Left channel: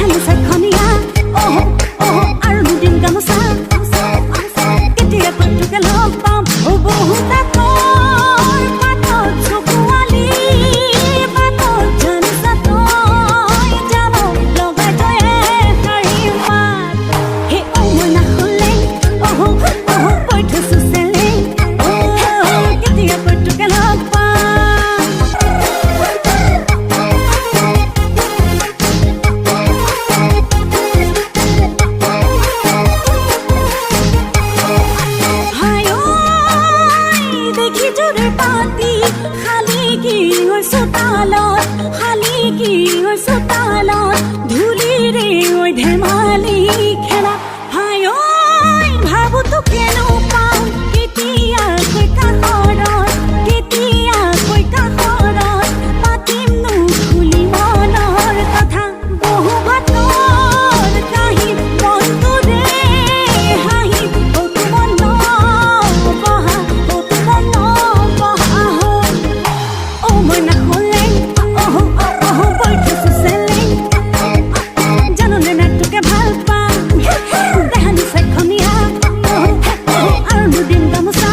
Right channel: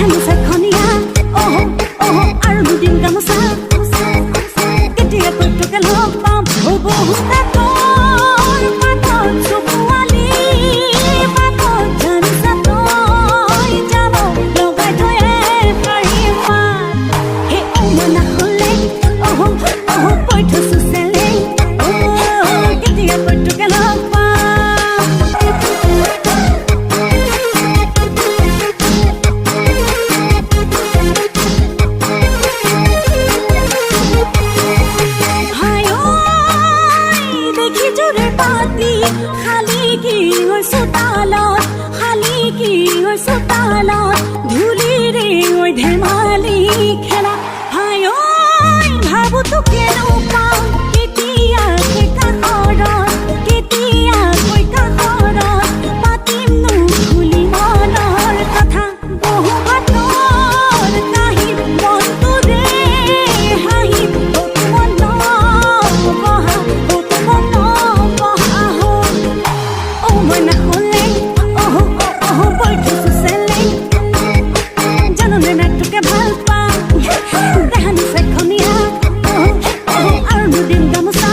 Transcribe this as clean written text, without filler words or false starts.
দেহানো চাখনিয়া আৰু দুদিন গামোচা কেতিয়া কৈটোকে লগ পাম বহু তাকৰ পাতত চকুৱালি পাতত জানিছা তই যাব লগাই থৈ শাৰী মাত হে মই নাখলেং কৈ থৈছো চেলেং কেতিয়া কৈটোকে লগ পাম চোতালত ধূলিৰে ধেমালি খেলা হাই ভাবো তো কেনো পাওঁ কেতিয়াকৈ কাষৰত পাতিমনো খুলি মনৰ কথা বহু ভাতৰ কাহিত মনটোৰে হাঁহিত কতো মন বহা হ'ল মই নাখলেং বৈঠছো চেলেং জাননে নাটকে ভাল পাওঁ দেহানো চাখনিয়া আৰু দুদিন গামোচা